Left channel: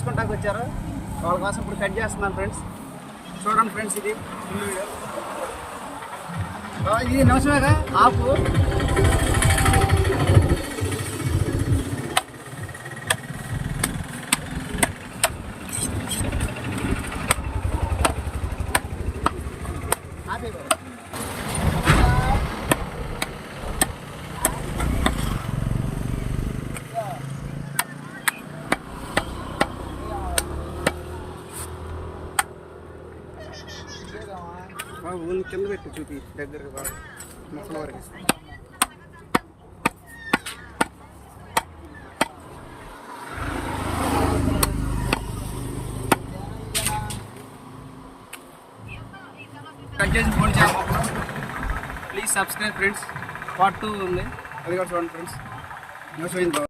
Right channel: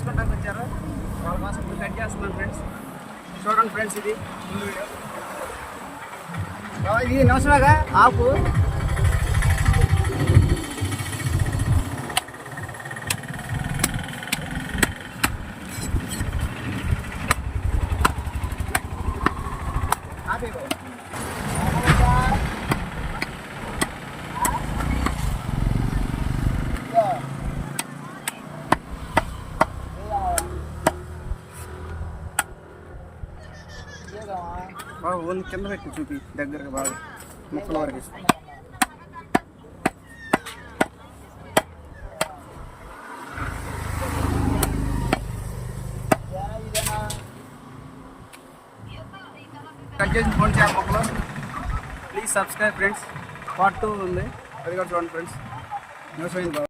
తీసుకుంటానికి వచ్చారు. వాళ్ళ కోసం ఇప్పుడు కట్ చేస్తున్నాను ఫ్రెండ్స్. చూడండి ఫ్రెండ్స్, ఇది ముందు వీడియో. ఇది నిమిషమేగా ఆపు. బాగా ఓన్లీ కింద ఎక్కువ చూపి దగ్గరగా బాగా ముక్కల వరకు. కట్ చేసి ఫోన్ చేయాలి మొక్కలు. Please subscribe friends. పార్ట్ 2 ఉంది, అది కూడా చూడండి ఫ్రెండ్స్. న్యూస్ అయింది బాగా.